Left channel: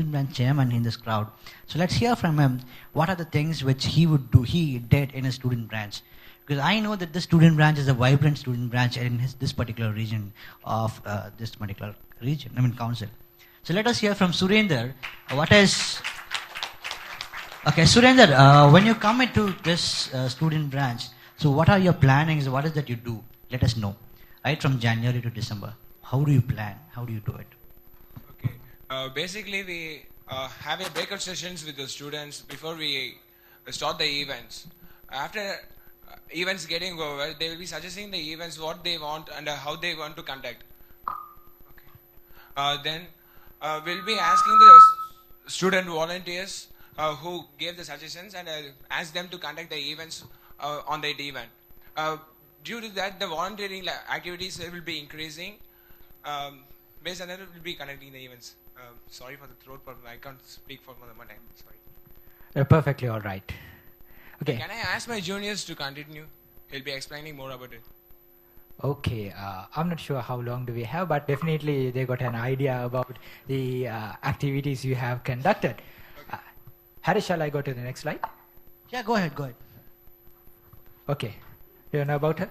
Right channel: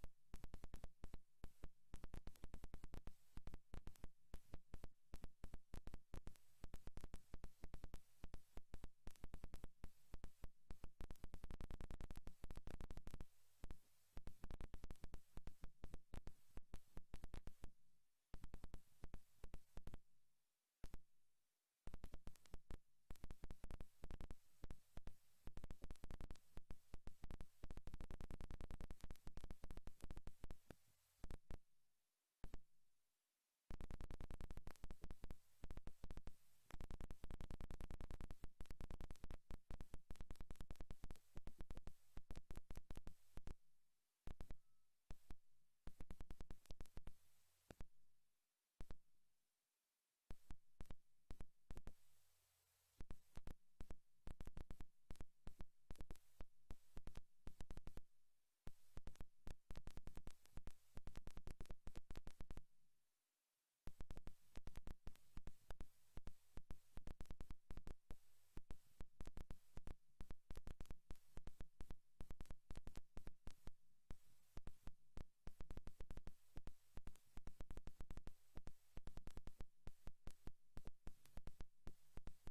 student branch chairman in this crowd. So let's hear from him. What are the things which he did in his student branch? Because I know that this student branch is a vibrant student branch in this particular region of council. So let us hear from Surender. Okay, Surender, when you come into this student branch, so what are your plannings? What is that you do? Let us know. Right from January to December. How do you plan? How do you do it? Okay. Basically, we have a breakout sessions with the students before we start the events. After events getting over, they will be suggesting the events, what they want and how they want to conduct. Okay. Then we'll be asking the student volunteers who gave the suggestions and ask them to conduct the events on that event. Due to that, the volunteering activities will be increasing. Based on that, we'll be conducting the events. Sorry for the throat problem. I can't speak for more than one time. Sorry. Perfectly all right. Okay. Can I ask my juniors to continue? He'll be explaining more about it. Okay, I'm not sure how long do we have, but definitely they got an idea about the activities you have conducted. Harry, shall I go to the next slide? Yeah, go ahead. Okay. Do you know about her?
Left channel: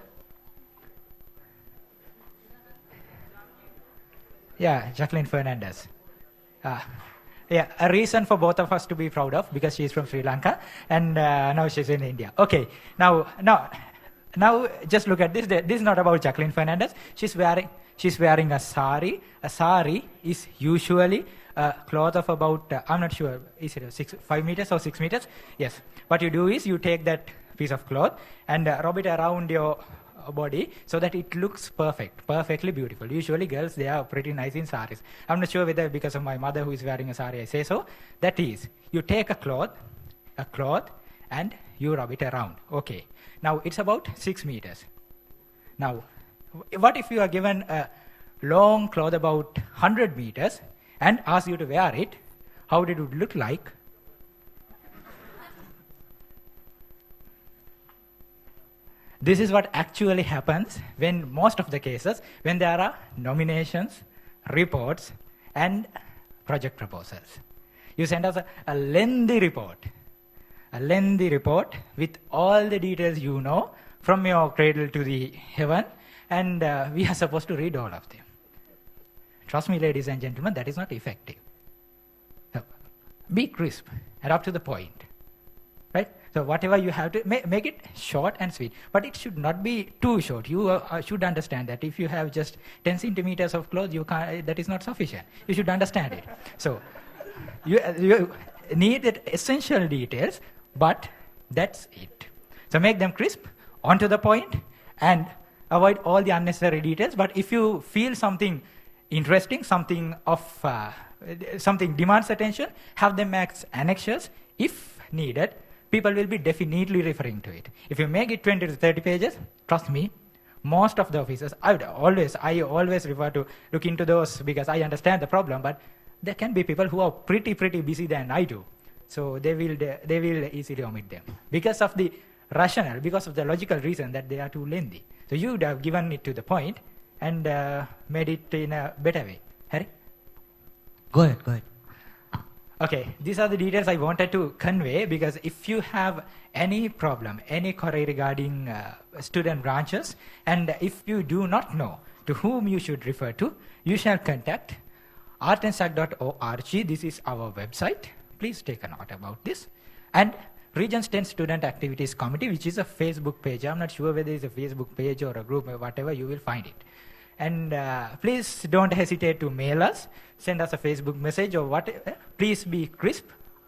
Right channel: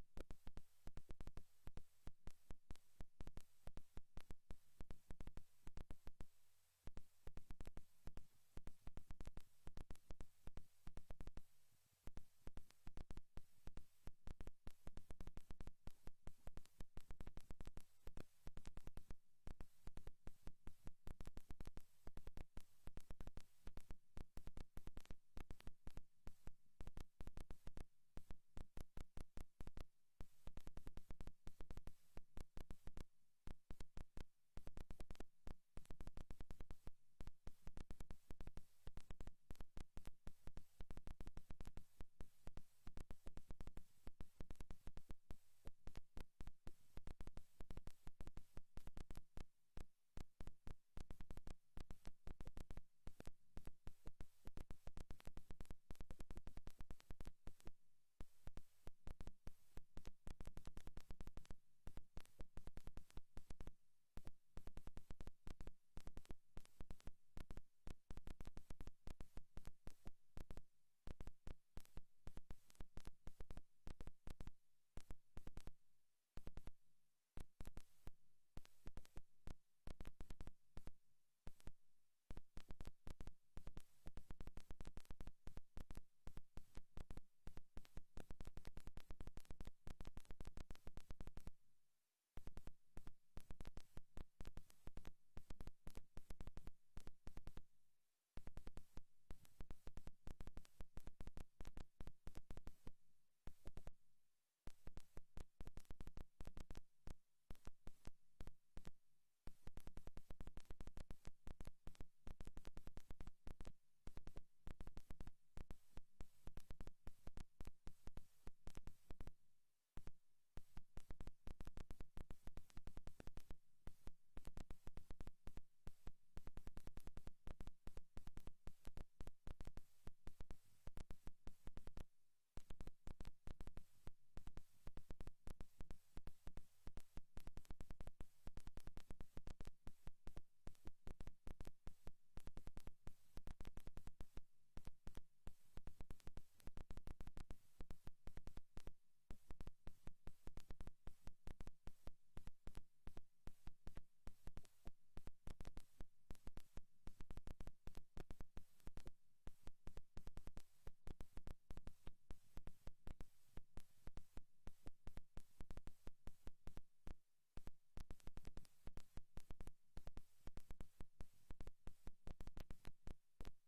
Yeah, Jacqueline Fernandez. Yeah, a reason for both of us to be proud of, because she's from Sri Lanka and now she's in India. Okay, now just look at this. This is not about Jacqueline Fernandez. She's wearing a sari. A sari is usually a cloth of about, I'm not sure, is it 5 meters or 6 meters? Yes. What you do is you take that piece of cloth and rub it around your body so that it looks perfectly beautiful. Usually girls, they are pretty nice in saris. I'm not sure whether because of my mother who is wearing a sari I say so. That is, you take a cloth and you rub it around. Okay. Now it's about 6 meters. Now, what if you are given a long cloth about 100 meters and ask you to wear it? How did it look like? This is what actually happens when most of the cases, when there are nominations, reports, and project proposals. You send us a lengthy report with all the details you know from your cradle to the heaven, and we are supposed to read all of them. Trust me, ladies and gentlemen, that is not effective. So, be crisp and up to the point. Right? So whatever you have to make it short and sweet, but it should not be too short. You should understand that if you have just 10 centimeters of cloth, that is not sufficient. You should understand it. So you need the essential details, but that's it. So make them crisp, onto the point, and avoid all the unnecessary details. But if you feel something interesting, something demands attention, have them as annexures if needed. People will be definitely referring to it. If you make it 20 to 30 pages, trust me, most of the officers, I always refer to look into those because I understand the problem, but there can be people who are pretty busy than I do. So they will easily omit them because of the rationale, because of the logical reason that they are too lengthy. So you would have given it to the point and made it in a better way. Harry? Go ahead. Okay, these are the details I wanted to convey, because if you have any problem, any query regarding student branches, and if you do not know to whom you should refer to, you shall contact artandsac.org. This is our website. Please take a note about this. And Regions 10 Student Activities Committee, which is a Facebook page. I'm not sure whether it's a Facebook page or a group or whatever, you will find it. And please don't hesitate to mail us, send us a Facebook message or whatever. Please be crisp,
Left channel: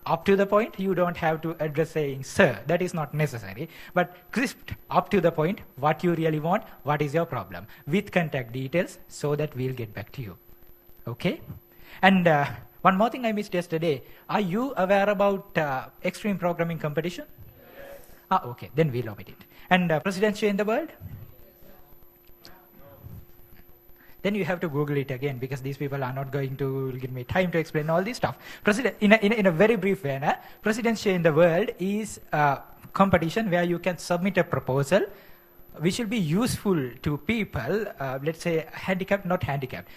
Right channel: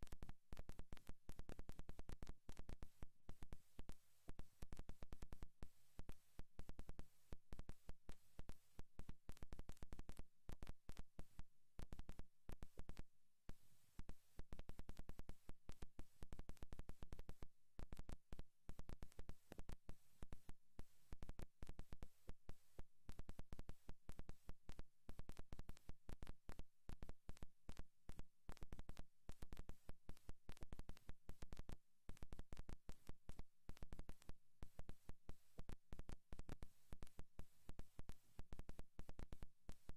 up to the point. You don't have to address saying, sir, that is not necessary. But crisp, up to the point, what you really want, what is your problem, with contact details so that we'll get back to you. Okay? And one more thing I missed yesterday. Are you aware about extreme programming competition? Yes. Okay, then we'll omit it. And presidency in the world? Then you have to Google it again, because these people are not going to give me time to explain all this stuff. In a very brief way, presidency in the world is a competition where you can submit a proposal we should be useful to people, let's say handicapped, not handicapped,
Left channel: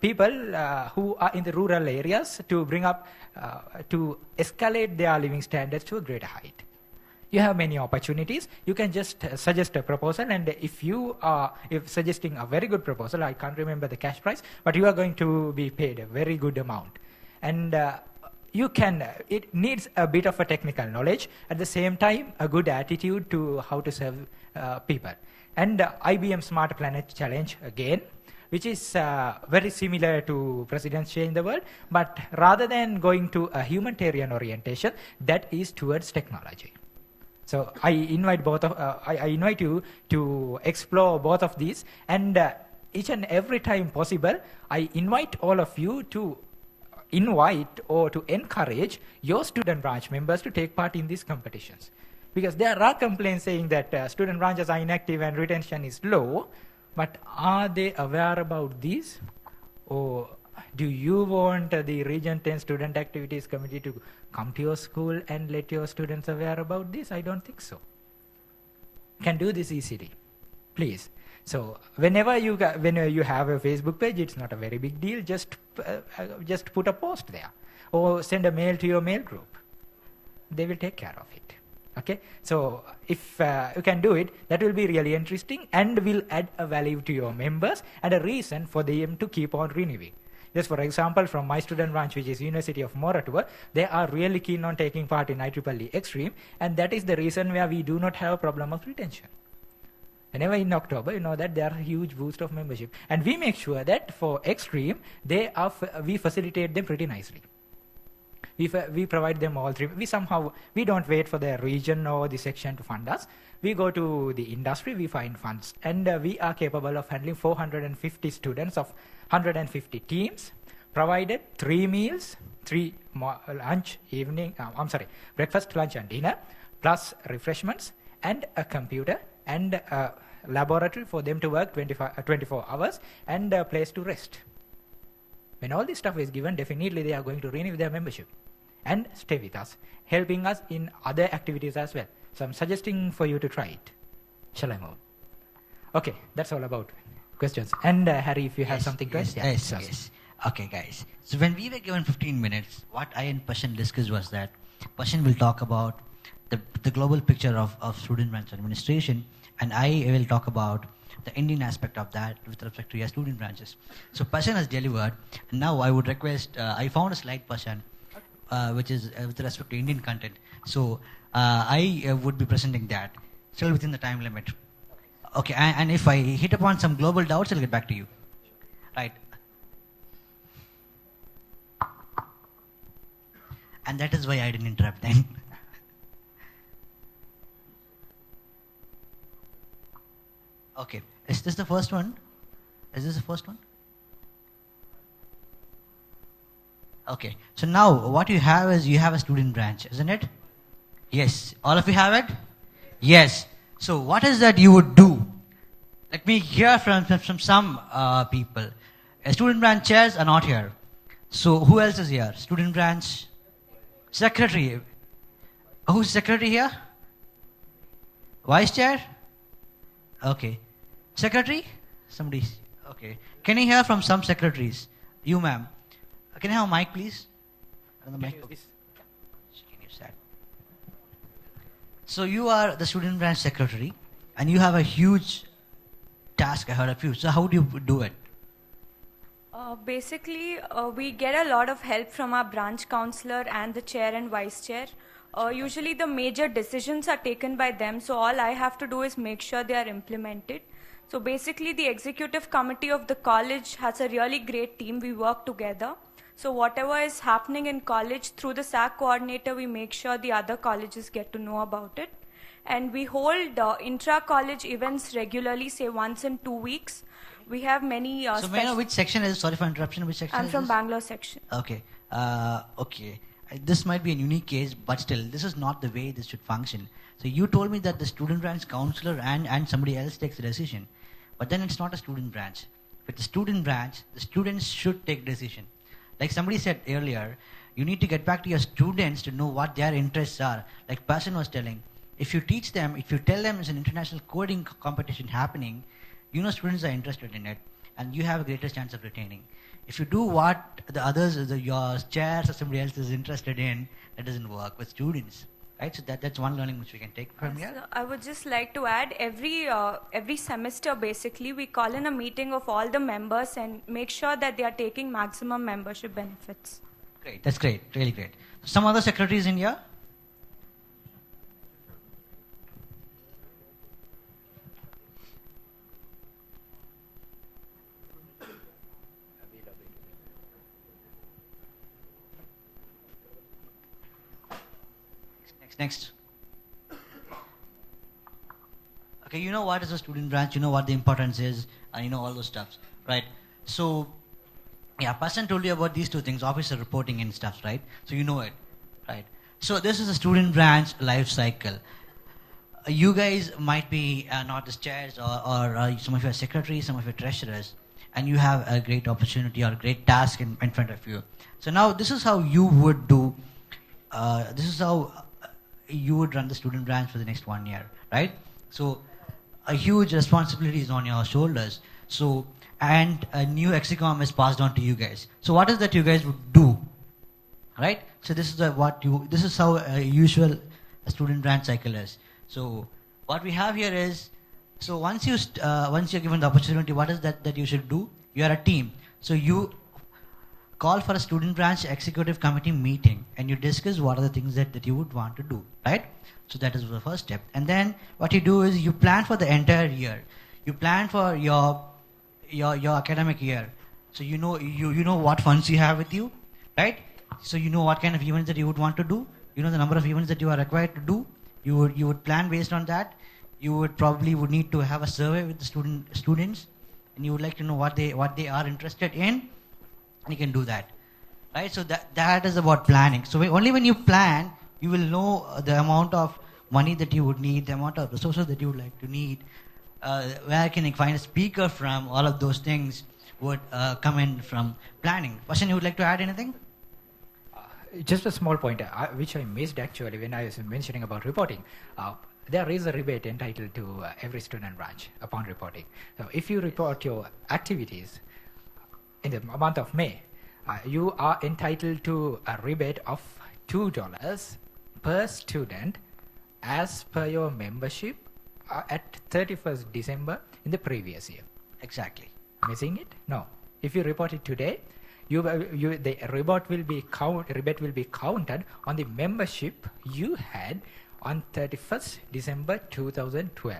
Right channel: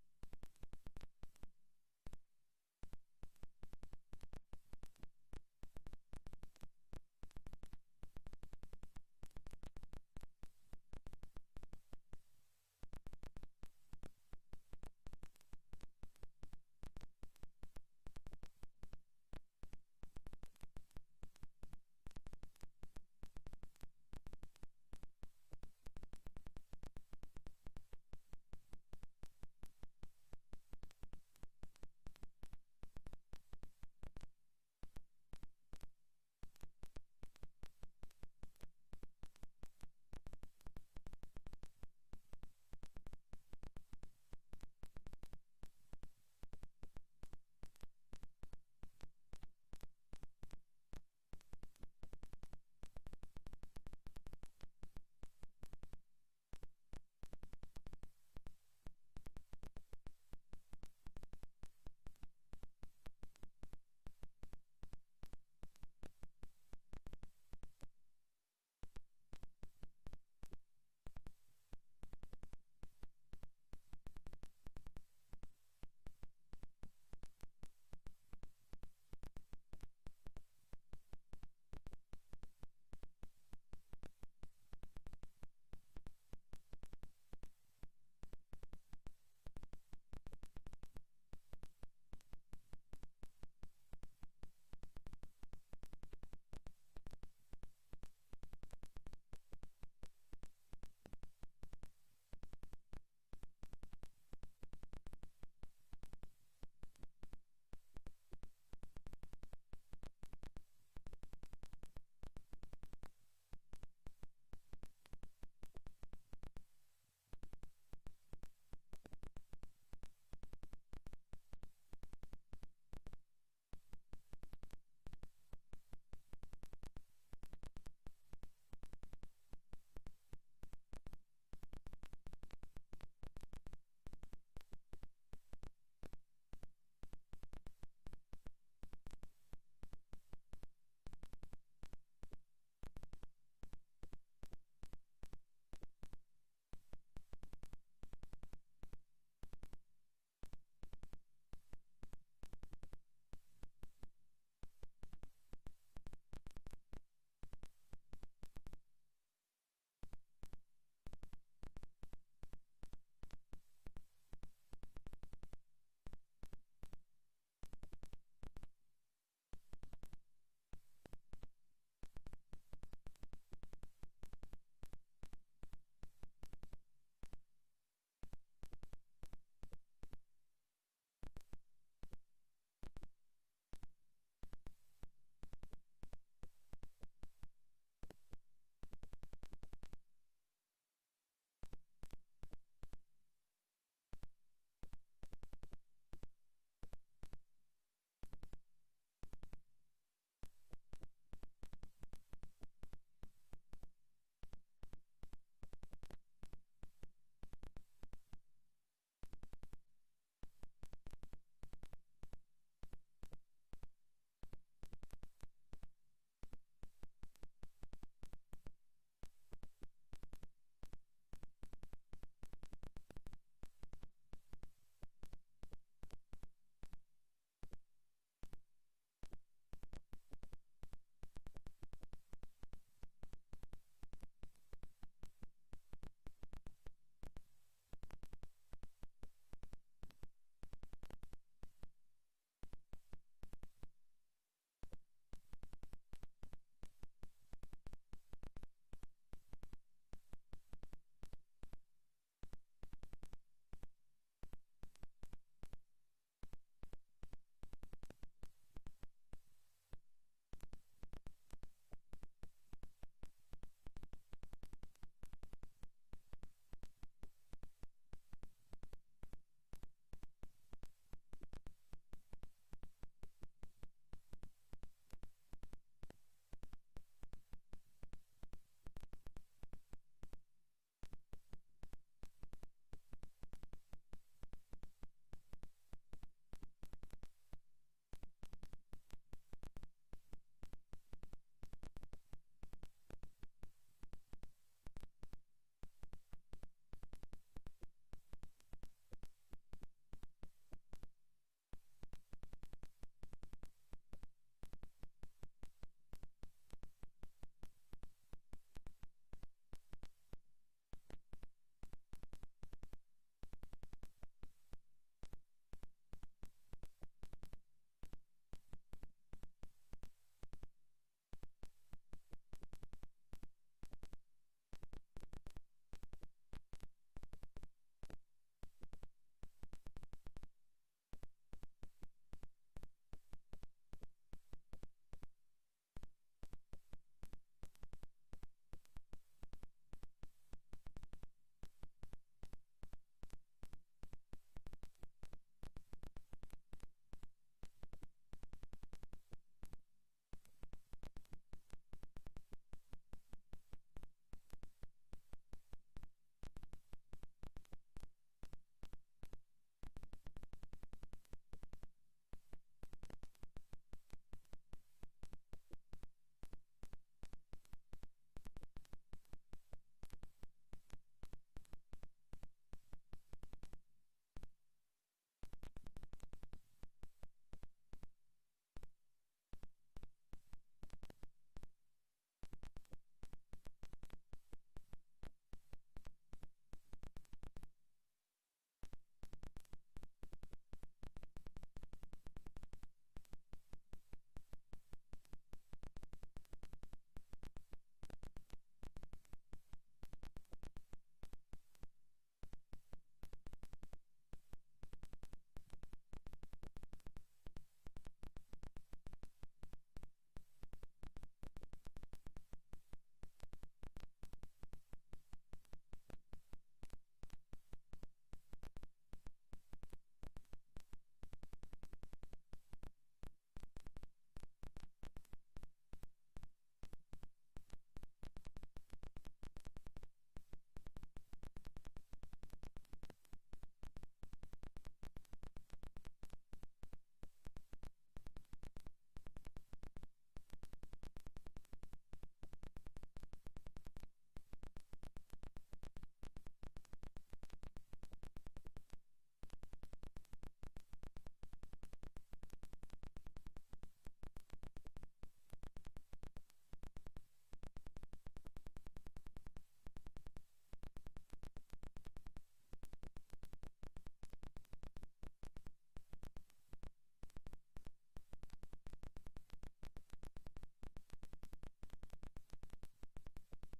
people who are in the rural areas to bring up, to escalate their living standards to a greater height. You have many opportunities. You can just suggest a proposal, and if you are suggesting a very good proposal, I can't remember the cash price, but you are going to be paid a very good amount. And you can, it needs a bit of a technical knowledge, at the same time a good attitude to how to serve people. And IBM Smart Planet Challenge again, which is very similar to President's Change the World, but rather than going to a humanitarian orientation, that is towards technology. So I invite I invite you to explore both of these, and each and every time possible, I invite all of you to invite or to encourage your student branch members to take part in these competitions. Because there are complaints saying that student branches are inactive and retention is low, but are they aware about these? Or do you want the Region 10 Student Activities Committee to come to your school and let your students aware about this? I don't think so. Can do this easily, please. So whenever you have a Facebook page, it's not a very big deal. Just put a post there, or send a mail to your mail group. They will take care of it. Okay. So if you can do it, that will be really interesting and will add a value to your members and a reason for them to keep on renewing. Just for example, from my student branch, which is University of Moratuwa, they are really keen on taking part in IEEE Extreme, and that is the reason where we do not have a problem of retention. Whenever in October, you know that there are a huge boost of membership, and we make sure that for Extreme, we facilitate them pretty nicely. We provide them all three. We don't wait for the region or the section to fund us. We go to the industry, we find funds, and we are capable of handling 450 students of 150 teams, provided 3 meals, breakfast, lunch and dinner, plus refreshments, and a computer, and a laboratory for them to work 24 hours, and a place to rest. When all this stuff is given, definitely they are going to renew their membership and stay with us, helping us in other activities as well. So I'm suggesting for you to try it. Shall I move? Okay, that's all about questions. And Harry, if you have something to add. Yes. Okay, guys. So when we were given 15 minutes, what I and Pasan discussed was that Pasan will talk about the global picture of student branch administration, and I will talk about the Indian aspect of that with respect to your student branches. So Pasan has delivered, and now I would request, I found a slide, Pasan, which is with respect to Indian content. So I would be presenting that, still within the time limit. Okay, and if I hit upon some global doubts, I'll get back to you. Right. And that is why I didn't interrupt then. Okay, is this the first one? Is this the first one? Okay, so now what you have is you have a student branch, isn't it? Yes, all of you have it? Yes. So what is that you would do? Let me hear from some people. Student branch chairs are not here. So who else is here? Student branch secretary. Who's secretary here? Vice chair? Okay. Secretary? Somebody. Okay. Can you hear from some secretaries? You, ma'am. Can I have a mic, please? The mic. So you are the student branch secretary, and you have a huge task ahead of you. So how do you do it? Basically, we get a lot of help from our branch counselor and the chair and vice chair. Usually the major decisions are taken by them, so all I have to do is make sure they are implemented. So basically the executive committee of the college has a really great team. We work together. So whatever is happening in college, through the SAC coordinator, we make sure the other colleges get to know about it. And we hold intra-college events regularly, say once in 2 weeks. We have many... so may I know which section is, sorry for interruption, which section I'm is from this? Bangalore section. Okay. Okay. This might be a unique case, but still, this is not the way this should function. So you told me that the student branch counselor and somebody else takes the decision. But then it's not a student branch. With the student branch, the students should take decision. Like somebody said earlier, you need to get back to your students to know what their interests are. Like Pasan was telling, If you teach them, if you tell them it's an international coding competition happening, you know students are interested in it, and you have a greater chance of retaining. If you do what the others, your chairs or somebody else is interested in, that doesn't work with students, right? So that's one learning which we can take from here. So I would just like to add, every semester basically we call in a meeting of all the members and make sure that they are taking maximum membership benefits. Great, that's great, really great. Some other secretaries in here? Next. Okay, you know what is a student branch, you know what the importance is, and you know all those stuffs, right? So, yeah, Pasan told you about these two things, officer reporting and stuff, right? So you know it, right? So this is a student branch life cycle. You guys might be not the chairs or some of your secretaries, some of your treasurers, and you have a great opportunity or a great task in front of you. So now this is how you would do, this is how you would run the student branch for the next 1 year, right? So a huge responsibility is on your shoulders. So, and a new execom is passed on to you guys. So what is that you guys would do, right? So this is this is how a usual student branch cycle is. So what we have here is, so once you're given the opportunity, what is that you should do? You are a team. So you call for a student branch executive committee meeting and you discuss what are the things that you would want to do, right? So that is the first step. And then what you do is you plan for the entire year. You plan for your academic year. So you know what funds you have with you, right? So you know what kind of events that you would want to do. You know the number of events that you are required to do. You would plan based on that. You would probably need to have a survey with the students, and you would like to know what they are interested in. And you can do that, right? So that is about planning. So only when you plan, you will know the amount of money that you would need, the amount of resources that you would like to need, where can you find a speaker from, all of those things would come in from planning. Pasan, you would like to add anything? Just a small point, which I missed actually when I was mentioning about reporting. There is a rebate entitled to every student branch upon reporting. So if you report your activities in the month of May, you are entitled to a rebate of $2 per student as per your membership at 31st December in the previous year. Exactly. Missing it? No. If you report it today, the rebate will be counted on the membership you had on 31st December 2012.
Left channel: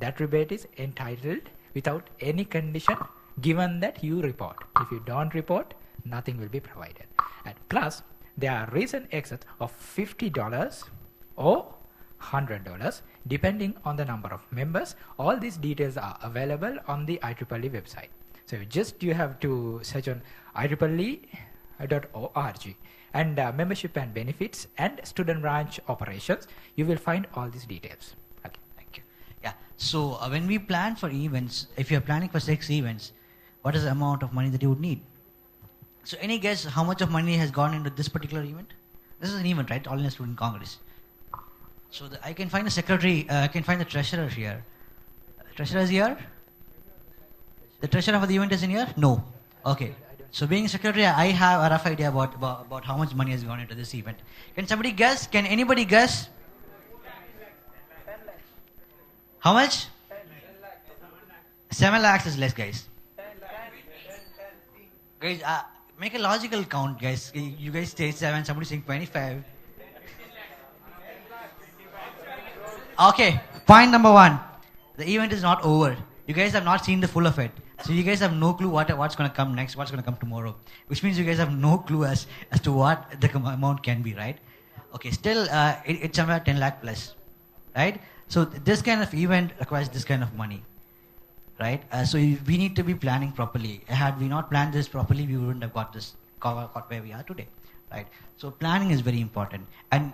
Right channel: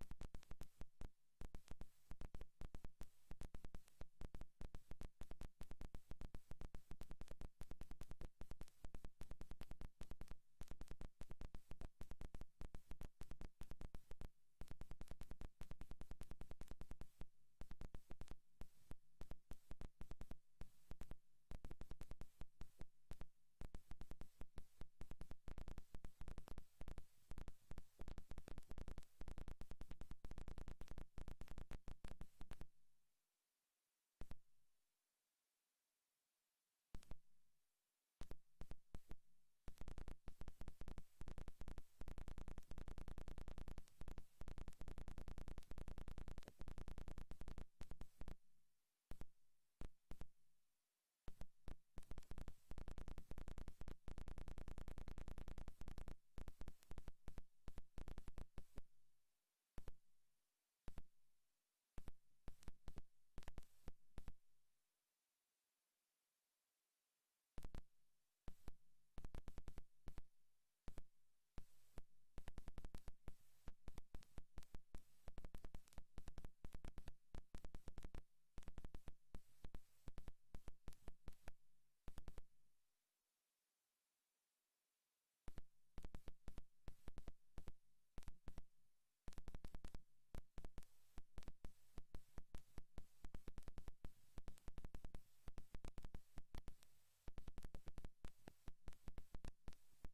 That rebate is entitled without any condition, given that you report. If you don't report, nothing will be provided. And plus, there are recent exits of $50 or $100 depending on the number of members. All these details are available on the IEEE website. So you have to search on IEEE.org and membership and benefits and student branch operations. You will find all these details. Okay, thank you. Yeah. So when we plan for events, if you're planning for 6 events, what is the amount of money that you would need? So any guess how much of money has gone into this particular event? This is an event, right? All in a student congress. So I can find a secretary, I can find the treasurer here. Treasurer is here? The treasurer for the event is in here? No. Okay. So being secretary, I have a rough idea about how much money has gone into this event. Can somebody guess? Can anybody guess? How much? 7 lakhs is less, guys. Guys, make a logical count, guys. You guys say 7, somebody saying 25. Okay, point number 1. The event is not over. You guys have not seen the full of it. So you guys have no clue what's going to come next, what's going to come tomorrow. Which means you guys have no clue as to what the amount can be, right? Okay, still, it's somewhere 10 lakh plus, right? So this kind of event requires this kind of money, right? So we need to be planning properly. Had we not planned this properly, we wouldn't have got where we are today, right? So planning is very important. And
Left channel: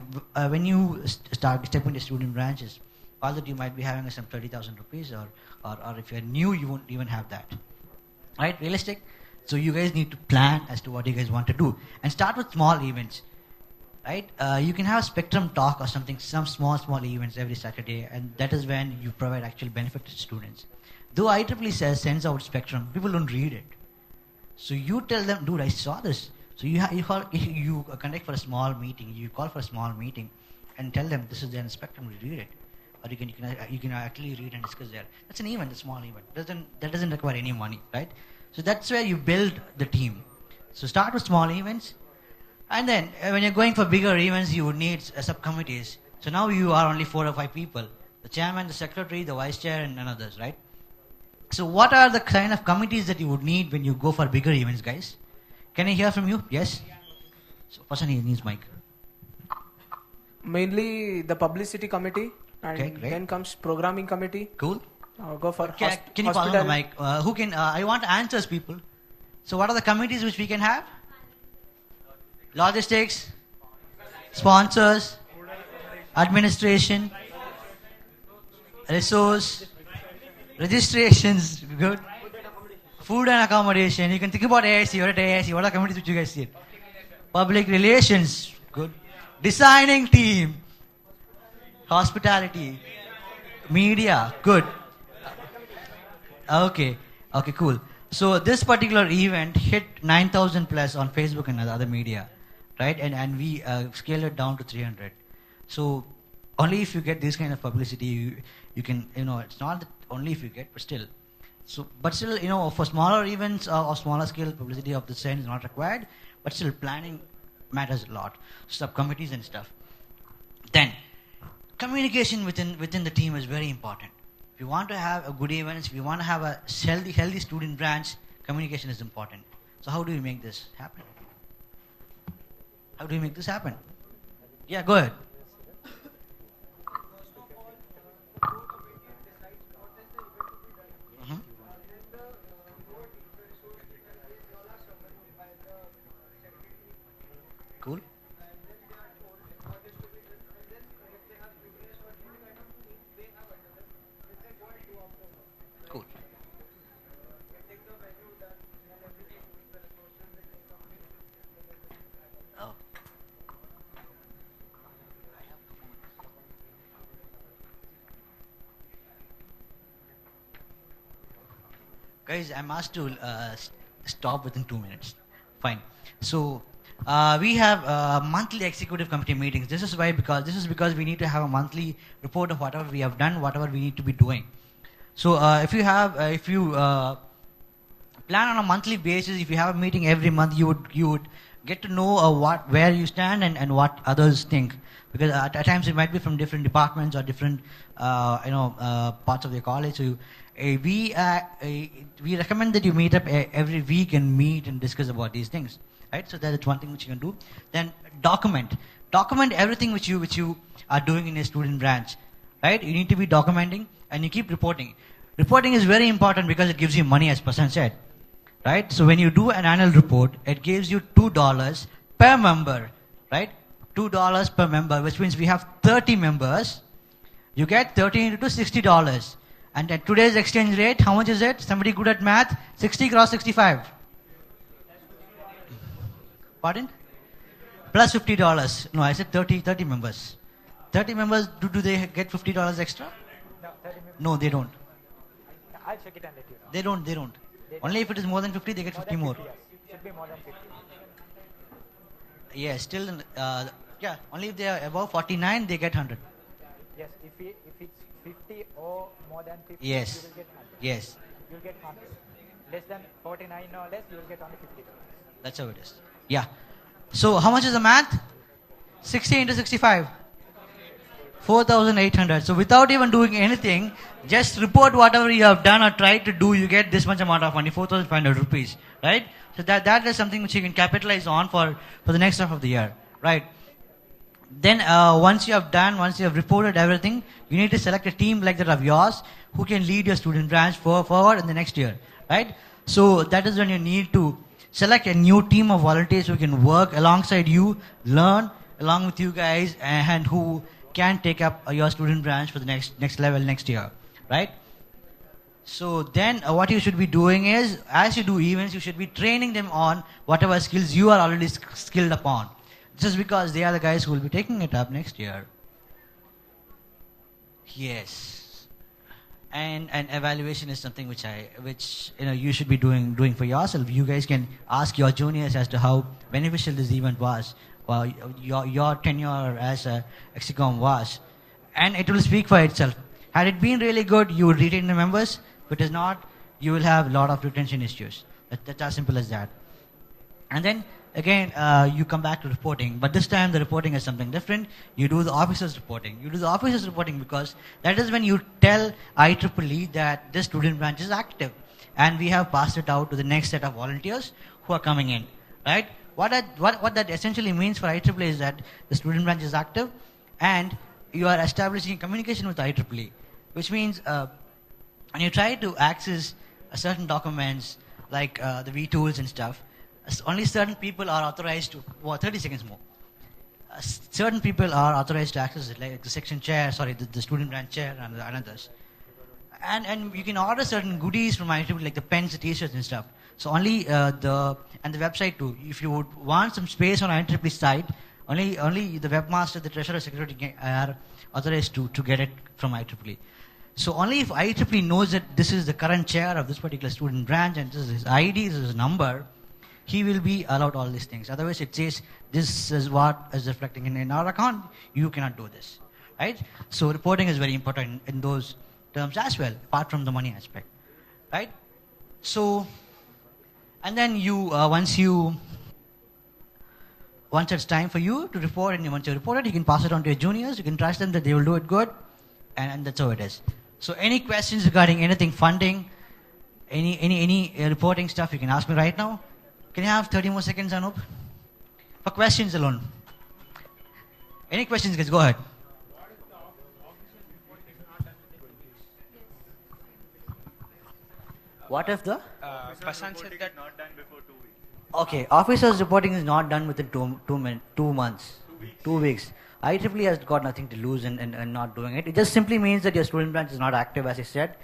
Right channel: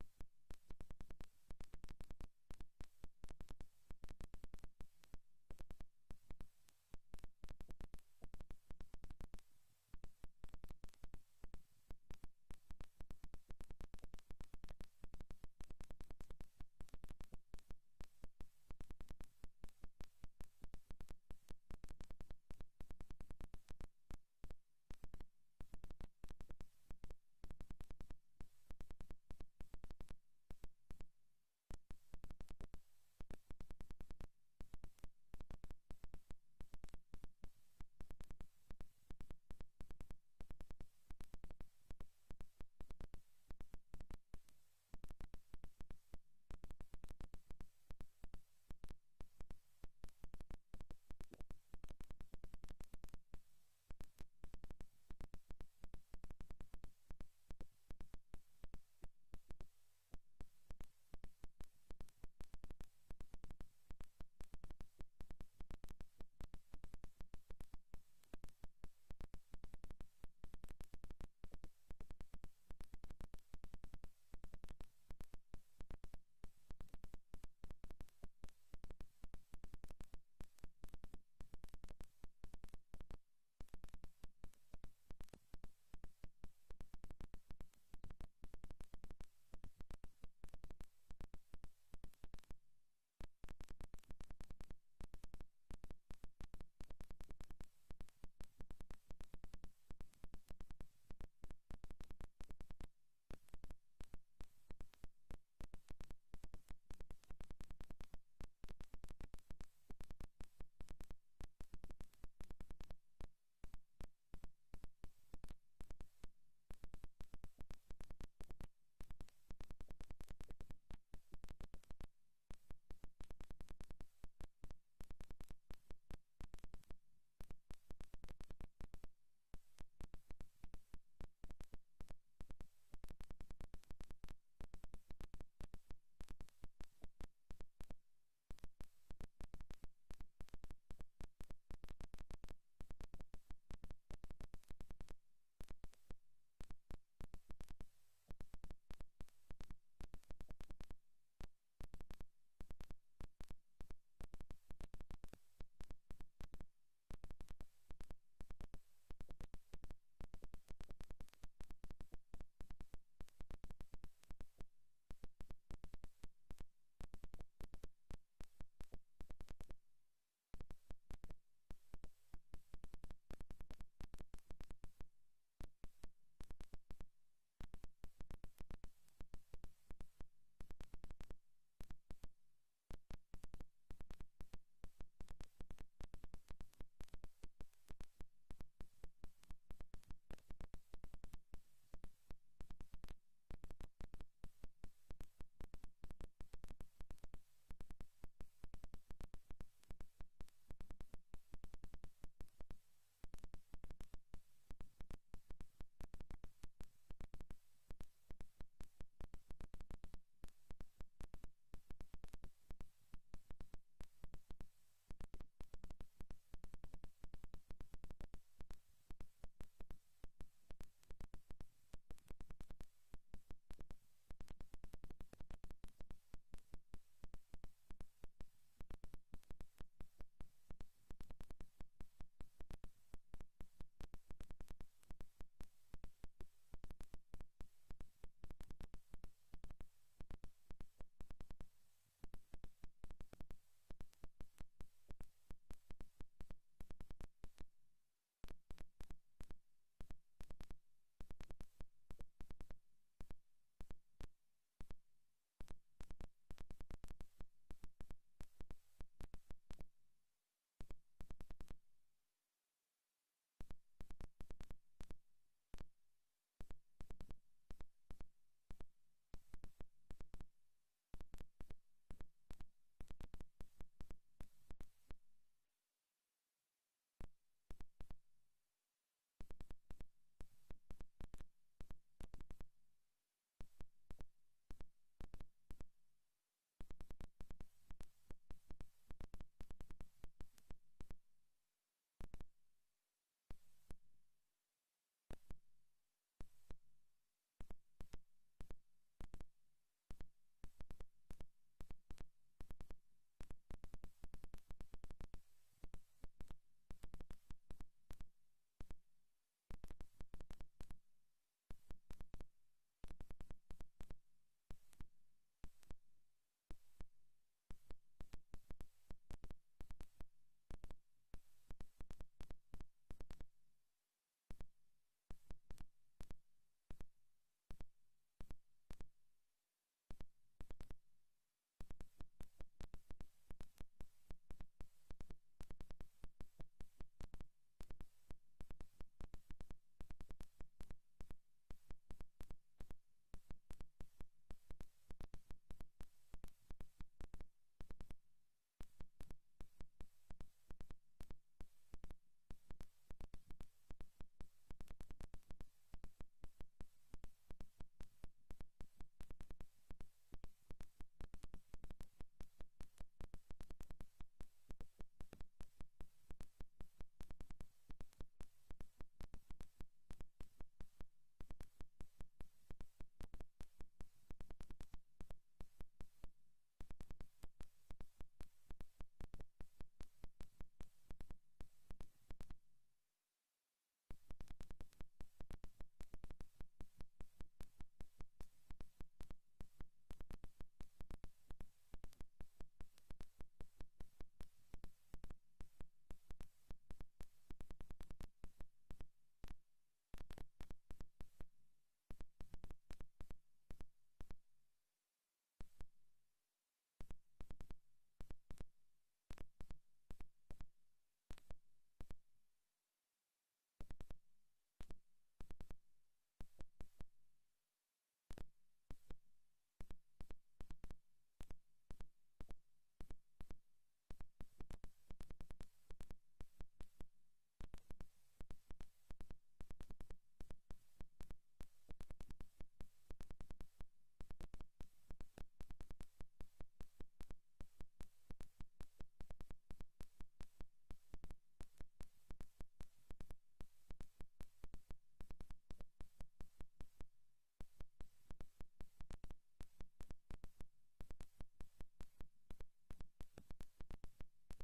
when you step into student branches, all that you might be having is some 30,000 rupees, or if you're new, you won't even have that, right? Realistic. So you guys need to plan as to what you guys want to do, and start with small events. right? You can have a spectrum talk or something, some small events every Saturday, and that is when you provide actual benefit to students. Though IEEE sends out spectrum, people don't read it. So you tell them, dude, I saw this. So you conduct for a small meeting, you call for a small meeting, and tell them this is there in spectrum, read it. Or you can actually read and discuss there. That's an event, a small event. That doesn't require any money, right? So that's where you build the team. So start with small events, and then when you're going for bigger events, you would need subcommittees. So now you are only 4 or 5 people: the chairman, the secretary, the vice chair, and others, right? So what are the kind of committees that you would need when you go for bigger events, guys? Can I hear from you? Yes? So person needs mic. Mainly the publicity committee, and Okay, great. then comes programming committee. Cool. Go for Can you pass on the mic? Who can, I want answers, people. So what are the committees which we can have? Logistics, sponsors, administration, resource, registrations, good. Food and accommodation. You can think about AIC. You're at AIC. What are the committees which you guys see? Public relations, good. Designing team, hospitality, media, good. Okay, cool. So this particular event hit 9,000 plus on Facebook and other media, right? And we scaled it down to 300. So only if you get this kind of publicity, you can, it's not that only if you get, but still. So, but still, for smaller events or smaller scale, publicity of this kind is not required, but still planning matters a lot. Subcommittees and stuff. Then, communication within the team is very important. If you want to have a good event, if you want to have a healthy student branch, communication is important. So how do we make this happen? How do we make this happen? Yeah, go ahead. Mhm. Cool. Cool. Oh. Guys, I'm asked to stop within 2 minutes. Fine. So we have monthly executive committee meetings. This is because we need to have a monthly report of whatever we have done, whatever we need to be doing. So if you plan on a monthly basis, if you have a meeting every month, you would get to know where you stand and what others think. Because at times it might be from different departments or different parts of the college. So we recommend that you meet up every week and meet and discuss about these things, right? So that is one thing which you can do. Then document everything which you are doing in a student branch, right? You need to be documenting and you keep reporting. Reporting is very important because it gives you money, as Pasan said, right? So when you do an annual report, it gives you $2 per member, right? $2 per member, which means we have 30 members. You get 30 into $60. And at today's exchange rate, how much is it? Somebody good at math? 60 cross 65. Pardon? Plus $50. No, I said 30 members. 30 members, do they get $50 extra? No, 30 members. No, they don't. I'll check it and let you know. They don't. Only if it is more than 50, they get 50 more. Yes. Should be more than 50. Yeah, still, only if they are above 49, they get 100. Yes, if it's 50 or more than 50, Yes. you will get 100. Yes, You'll get 100. Less than 49 or less, you will get only $50. that's how it is. Yeah. So how much is the math? 60 into 65. 4,800. So without even doing anything, just report whatever you have done or tried to do, you get this much amount of money, 4,500 rupees, right? So that is something which you can capitalize on for the next half of the year, right? Then once you have reported everything, you need to select a team like that of yours who can lead your student branch forward in the next year, right? So that is when you need to select a new team of volunteers who can work alongside you, learn along with you guys, and who can take up your student branch for the next level next year, right? So then what you should be doing is, as you do events, you should be training them on whatever skills you are already skilled upon. just because they are the guys who will be taking it up next year. Yes. And evaluation is something which you should be doing for yourself. You guys can ask your juniors as to how beneficial this event was, or your tenure as a Exicom was, and it will speak for itself. Had it been really good, you would retain the members. If it is not, you will have a lot of retention issues. That's as simple as that. And then again, you come back to reporting, but this time the reporting is something different. You do the officers reporting. You do the officers reporting because that is when you tell IEEE that this student branch is active, and we have passed it out to the next set of volunteers who are coming in, right? What that essentially means for IEEE is that the student branch is active, and you are establishing communication with IEEE, which means when you try to access certain documents like the V tools and stuff, only certain people are authorized to, 30 seconds more. Certain people are authorized to access it, like the section chair, the student branch chair and others. And you can order certain goodies from IEEE, like the pens, the t-shirts and stuff. So only the website too. If you would want some space on IEEE site, only the webmaster, the treasurer, secretary are authorized to get it from IEEE. So only if IEEE knows that this is the current chair of this particular student branch and this is his ID, this is his number, he will be allowed all these things. Otherwise, it says this is what is reflecting in our account. You cannot do this, right? So reporting is very important in those terms as well, apart from the money aspect, right? So, and then once it's time for you to report, and once you report it, you can pass it on to your juniors. You can trust them that they will do it good, and that's how it is. So, any questions regarding anything funding, any reporting stuff, you can ask me right now. Can you have 30 more seconds, Anup? For questions alone. Any questions, guys? Go ahead. What if the? Pasan said that. Okay, officers reporting is not done within 2 months. 2 weeks. IEEE has got nothing to lose in not doing it. It just simply means that your student branch is not active, as I said.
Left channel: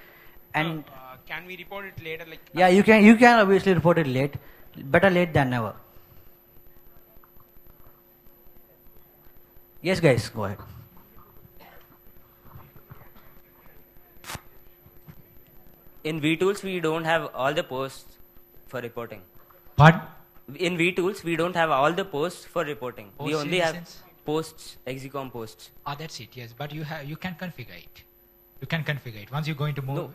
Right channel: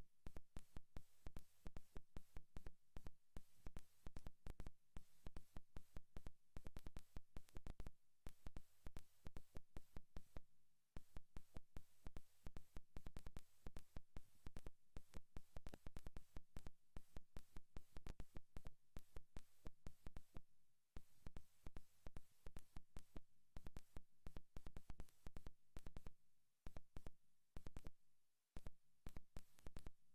And Can we report it later? yeah, you can obviously report it late. Better late than never. Yes, guys, go ahead. In VTools, we don't have all the posts for reporting. What? In VTools, we don't have all the posts for reporting. Oh, We only have citizens? posts, Exicom posts. That's it. Yes, but you can configure it. You can configure it once you're going to move. No.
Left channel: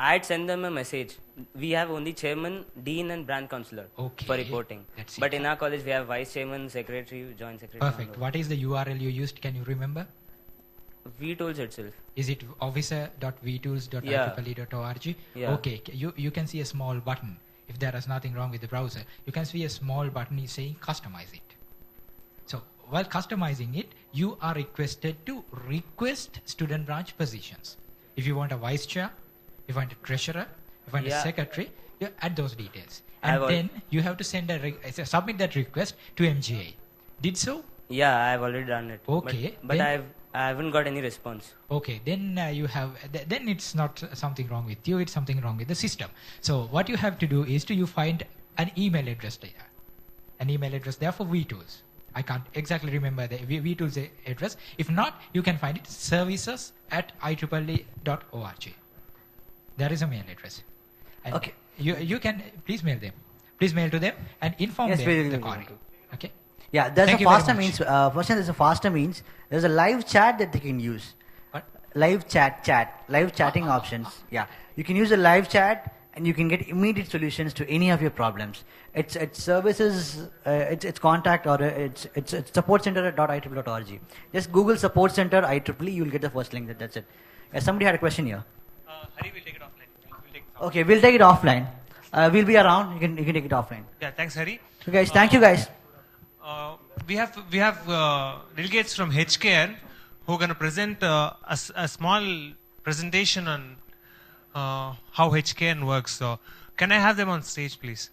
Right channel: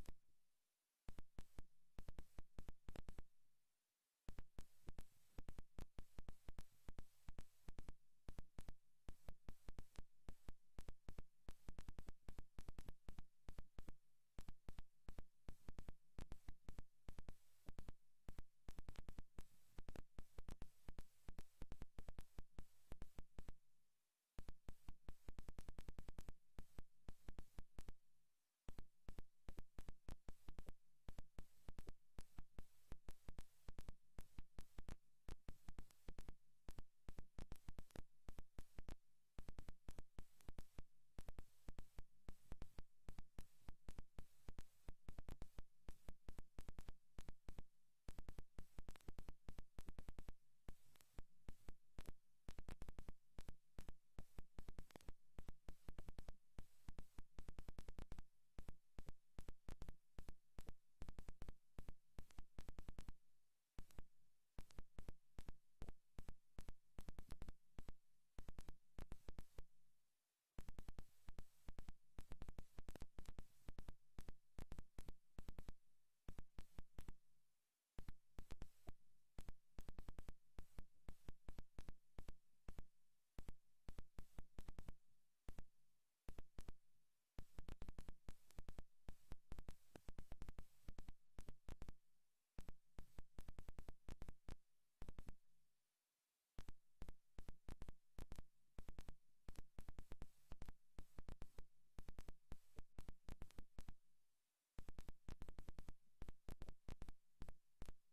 I'd send them a message. We have only chairman, dean, and branch counselor for Okay, reporting. that's But it. in our college, we have vice chairman, secretary, joint secretary. Perfect. What is the URL you used? Can you remember? VTools itself. Is it officer.vtools.ieee.org? Yeah. Okay. You can see a small button. If there is nothing wrong with the browser, you can see a small button is saying customize it. So while customizing it, you are requested to request student branch positions. If you want a vice chair, if you want a treasurer, if you want a Yeah. secretary, you add those details. I've And al- then you have to submit that request to MGA. Did so? Yeah, I've already done it. Okay, But then- I haven't got any response. Okay, then then it's not something wrong with you, it's something wrong with the system. So what you have to do is you find an email address there. An email address there for VTools. I can't exactly remember the VTools address. If not, you can find it services@ieee.org. There is a mail address. And Okay. You can please mail them. Please mail to them and inform Yes, them we will the do query. that. Okay. Yeah, there's Thank a you very faster much. means. First, there's a faster means. There's a live chat that they can use. What? Live chatting options. Yeah, you can use a live chat and you can get immediate solutions to any of your problems. It's services, it's contact or it's support center at .ieee.org. Just Google support center IEEE, you'll get the first link. That's it. Somebody had a question here. Hari will take it offline. We'll take it Okay, we'll take it offline. We'll be around. You can take it offline. Yeah, thanks, Hari. So guys, thank you guys. We have delegates from HKN who are going to present a small presentation on how HKN works. So, can I have them on stage, please?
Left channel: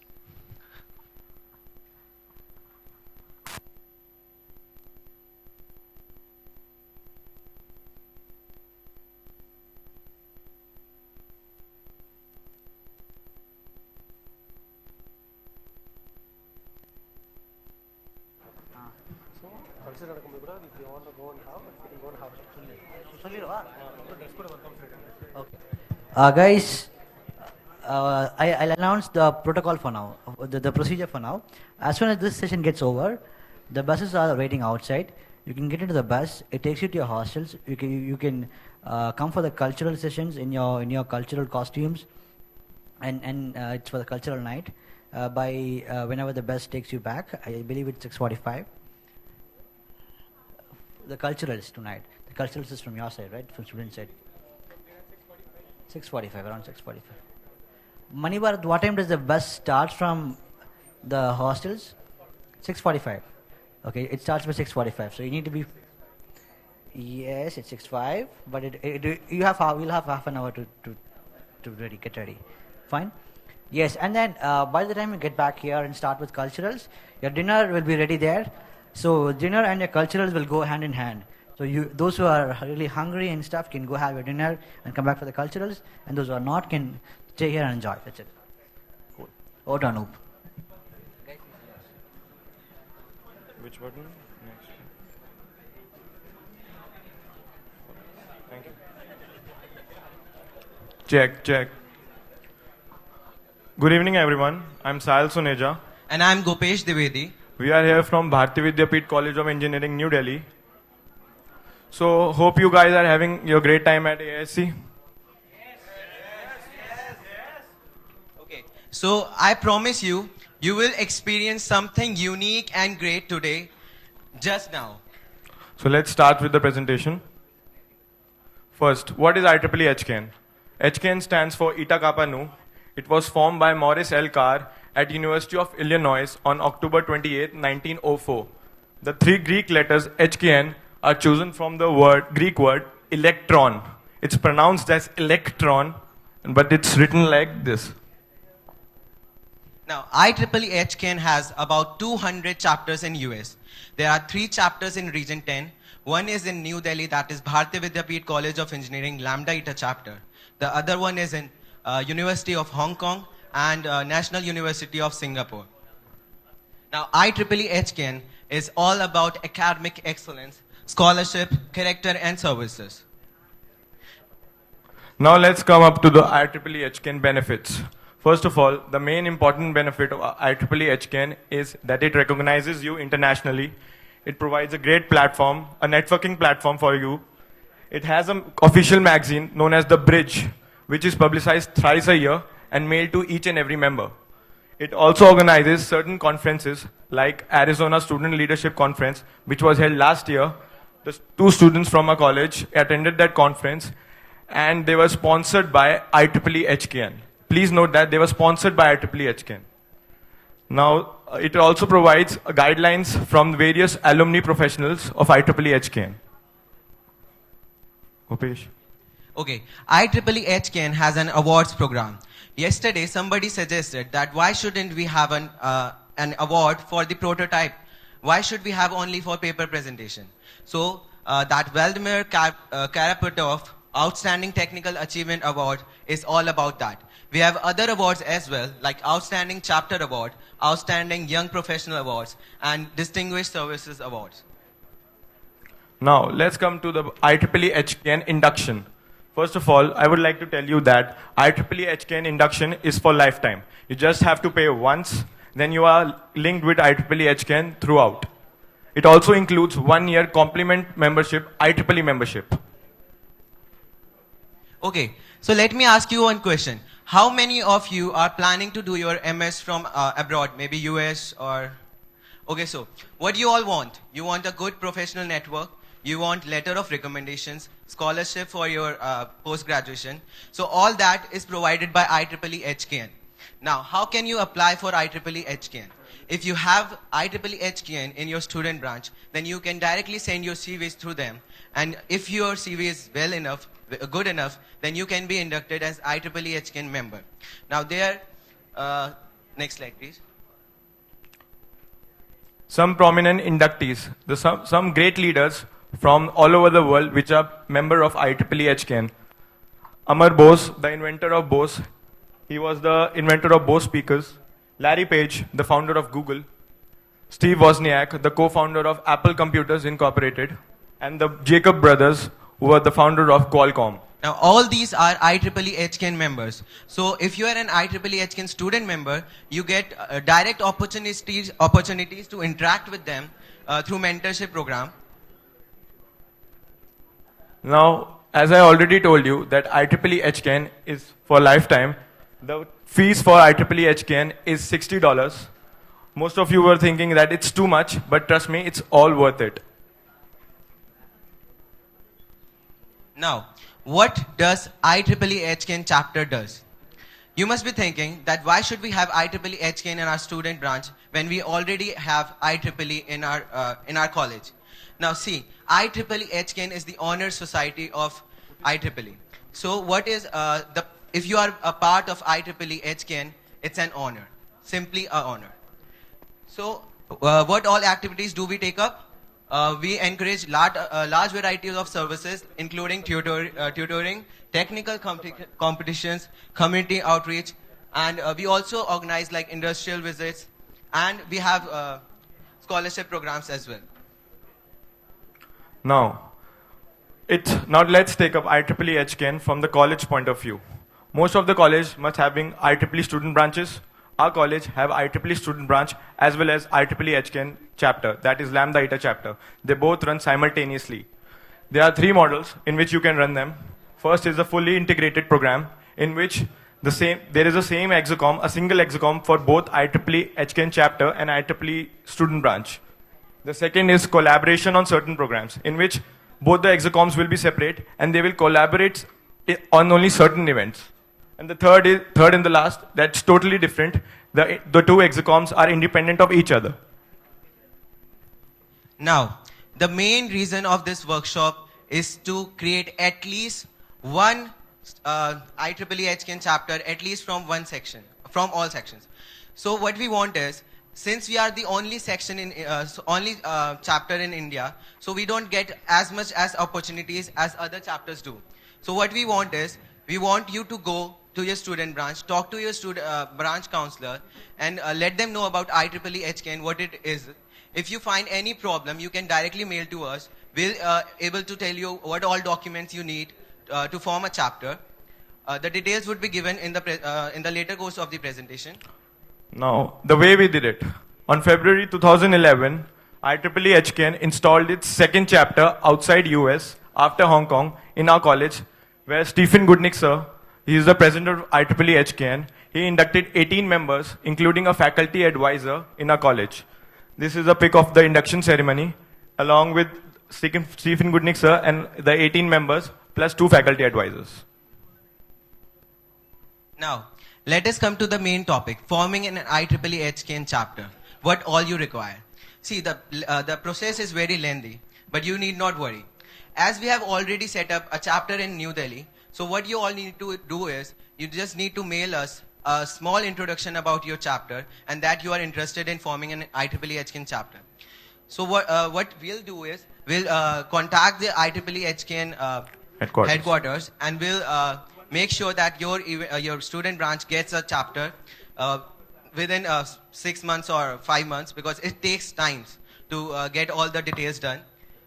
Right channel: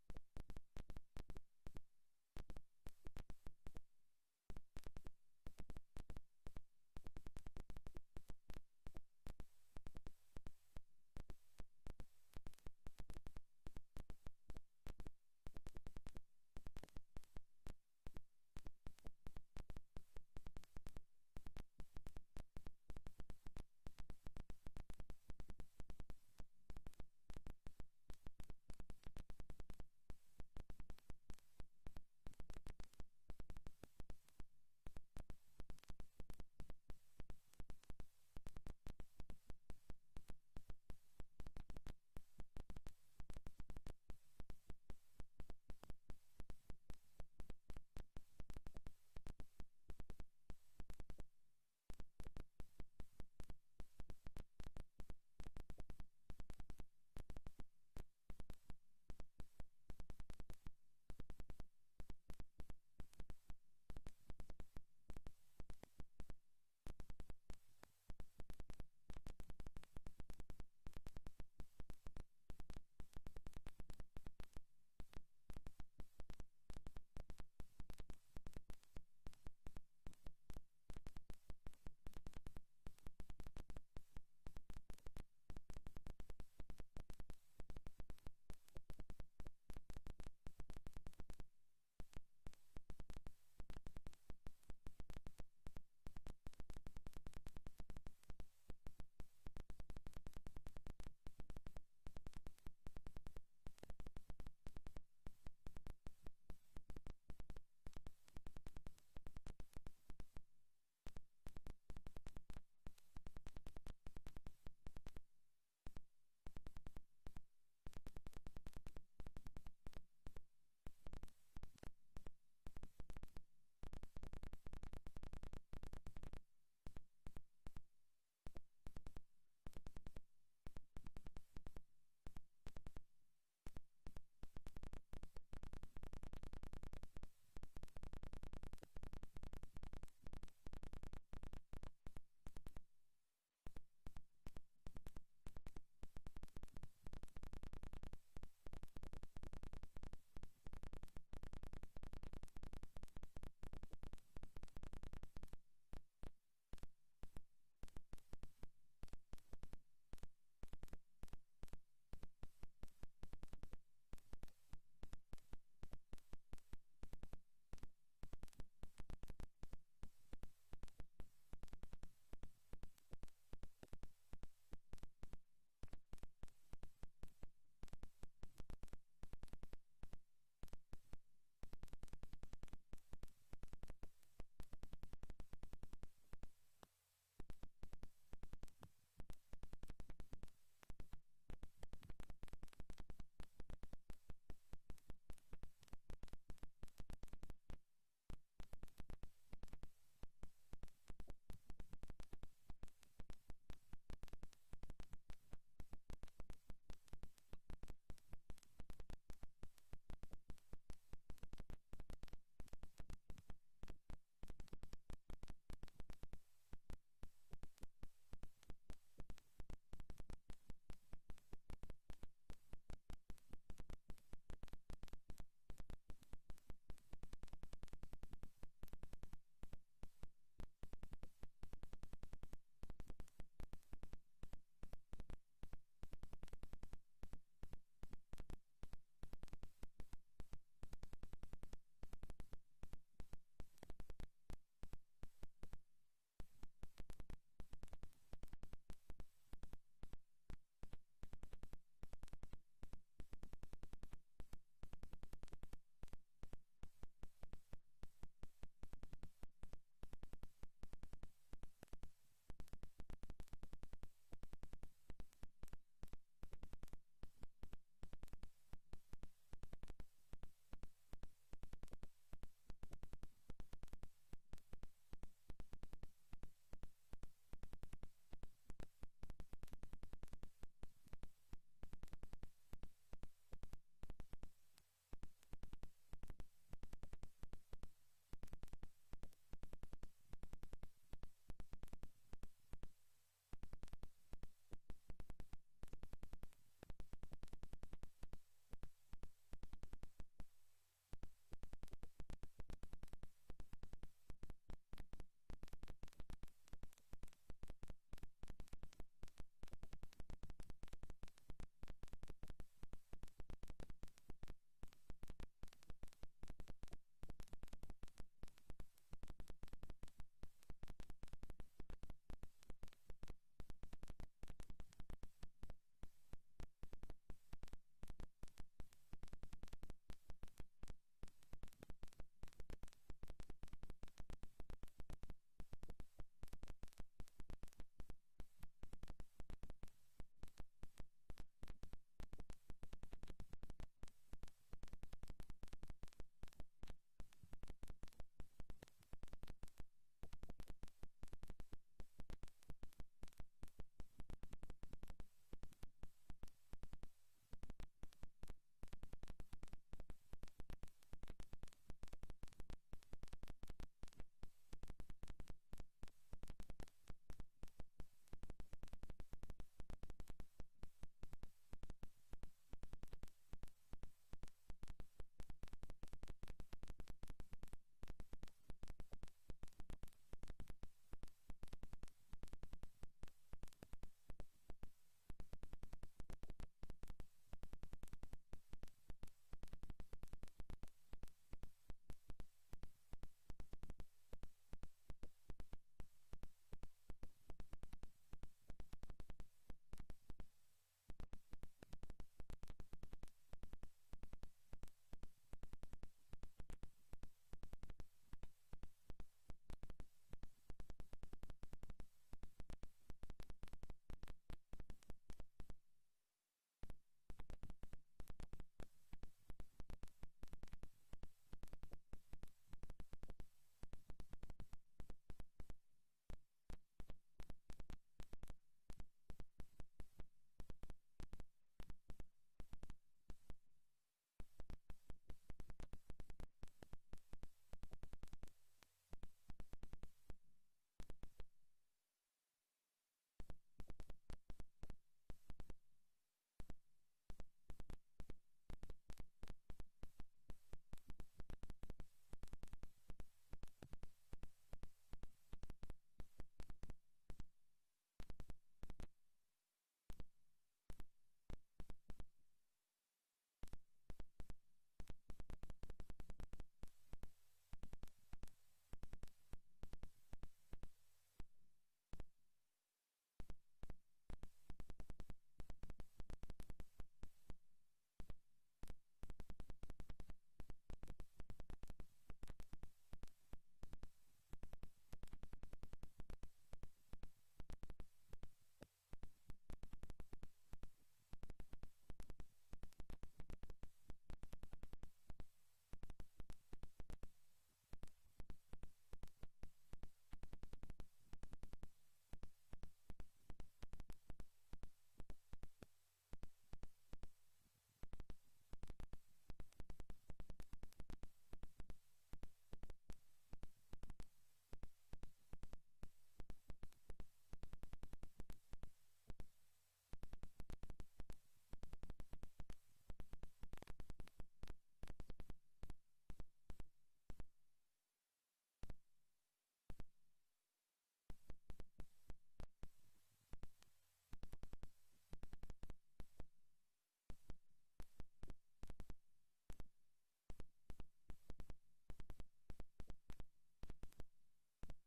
So Okay. Guys, I'll announce the protocol for now, the procedure for now. As soon as this session gets over, the buses are waiting outside. You can get into the bus. It takes you to your hostels. You can come for the cultural sessions in your cultural costumes, and it's for the cultural night. By whenever the bus takes you back, I believe it's 6:45. The culturals tonight. The culturals is from your side, right? From student side. 6:45, around 6:45. Manibar, what time does the bus start from the hostels? 6:45. Okay, it starts by 6:45. So you need to be. Yes, it's 6:05, but we'll have half an hour to get ready. Fine. Yes, and then by the time you get back here and start with culturals, your dinner will be ready there. So dinner and your culturals will go hand in hand. So those who are really hungry and stuff can go have your dinner and come back for the culturals, and those who are not can stay here and enjoy. That's it. Cool. Over to Anoop. Which button? Next. Thank you. Check. Good evening, everyone. I'm Sahil Suneja. And I'm Gopesh Dwivedi. We are here from Bharati Vidyapeeth College of Engineering, New Delhi. So, hope you guys are having your great time at ASC. Okay, so I promise you, you will experience something unique and great today, just now. So, let's start with the presentation. First, what is IEEE HCAN? HCAN stands for Eta Kappa Nu. It was formed by Maurice L. Carr at University of Illinois on October 28, 1904. The three Greek letters HKN are chosen from the Greek word electron. It's pronounced as electron, but it's written like this. Now, IEEE HCAN has about 200 chapters in US. There are 3 chapters in Region 10. One is in New Delhi, that is Bharati Vidyapeeth College of Engineering, Lambda Eta chapter. The other one is in University of Hong Kong and National University of Singapore. Now, IEEE HCAN is all about academic excellence, scholarship, character, and services. Now let's come up to the IEEE HCAN benefits. First of all, the main important benefit of IEEE HCAN is that it recognizes you internationally. It provides a great platform, a networking platform for you. It has an official magazine known as The Bridge, which is publicized thrice a year and mailed to each and every member. It also organizes certain conferences like Arizona Student Leadership Conference, which was held last year. The 2 students from our college attended that conference, and they were sponsored by IEEE HCAN. Please note that they were sponsored by IEEE HCAN. Now, it also provides guidelines from various alumni professionals of IEEE HCAN. Gopesh. Okay, IEEE HCAN has an awards program. Yesterday, somebody suggested that why shouldn't we have an award for the prototype? Why should we have only for paper presentation? So that Vladimir Karapetov Outstanding Technical Achievement Award is all about that. We have other awards as well, like Outstanding Chapter Award, Outstanding Young Professional Awards, and Distinguished Services Awards. Now, let's come to the IEEE HCAN induction. First of all, I would like to tell you that IEEE HCAN induction is for lifetime. You just have to pay once, then you are linked with IEEE HCAN throughout. It also includes 1-year complement membership, IEEE membership. Okay, so let me ask you one question. How many of you are planning to do your MS from abroad, maybe US or... Okay, so what do you all want? You want a good professional network, you want letter of recommendations, scholarship for your post-graduation. So all that is provided by IEEE HCAN. Now, how can you apply for IEEE HCAN? If you have IEEE HCAN in your student branch, then you can directly send your CVs through them. And if your CV is good enough, then you can be inducted as IEEE HCAN member. Now there, next slide please. Some prominent inductees, some great leaders from all over the world which are member of IEEE HCAN. Amar Bose, the inventor of Bose, he was the inventor of Bose speakers. Larry Page, the founder of Google. Steve Wozniak, the co-founder of Apple Computers Incorporated, and the Jacob brothers, who are the founder of Qualcomm. Now, all these are IEEE HCAN members. So, if you are an IEEE HCAN student member, you get direct opportunities to interact with them through mentorship program. Now, as I already told you that IEEE HCAN is for lifetime, the fees for IEEE HCAN is $60. Most of you were thinking that it's too much, but trust me, it's all worth it. Now, what does IEEE HCAN chapter does? You must be thinking that why should we have IEEE HCAN in our student branch when we already have IEEE in our college? Now see, IEEE HCAN is the honor society of IEEE. So what is if you are a part of IEEE HCAN, it's an honor, simply an honor. So what all activities do we take up? We encourage large varieties of services, including tutoring, technical competitions, community outreach, and we also organize like industrial visits, and we have scholarship programs as well. Now, let's take up IEEE HCAN from the college point of view. Most of the college must having IEEE student branches. Our college have IEEE student branch as well as IEEE HCAN chapter, that is Lambda Eta chapter. They both run simultaneously. There are 3 models in which you can run them. First is a fully integrated program in which there is a single execom for both IEEE HCAN chapter and IEEE student branch. The second is collaboration on certain programs in which both the execoms will be separate and they will collaborate on only certain events. And the third and the last, that's totally different. The 2 execoms are independent of each other. Now, the main reason of this workshop is to create at least one IEEE HCAN chapter, at least from from all sections. So what we want is, since we are the only section chapter in India, so we don't get as much as opportunities as other chapters do. So what we want is, we want you to go to your student branch, talk to your branch counselor, and let them know about IEEE HCAN, what it is. If you find any problem, you can directly mail to us. We'll able to tell you what all documents you need to form a chapter. The details would be given in the later course of the presentation. Now, the way we did it. On February 2011, IEEE HCAN installed its second chapter outside US after Hong Kong in our college, where Stephen Goodnick sir, he is the president of IEEE HCAN. He inducted 18 members, including a faculty advisor in our college. This is a pic of the induction ceremony, along with Stephen Goodnick sir and the 18 members, plus 2 faculty advisors. Now, let us come to the main topic, forming an IEEE HCAN chapter. What all you require. See, the process is very lengthy, but you need not worry. As we have already set up a chapter in New Delhi, so what you all need to do is, you just need to mail us a small introduction about your chapter and that you are interested in forming an IEEE HCAN chapter. So what we'll do is, we'll contact the IEEE HCAN headquarters and we'll make sure that your student branch gets a chapter within 6 months or 5 months, because it takes time to get all the details done.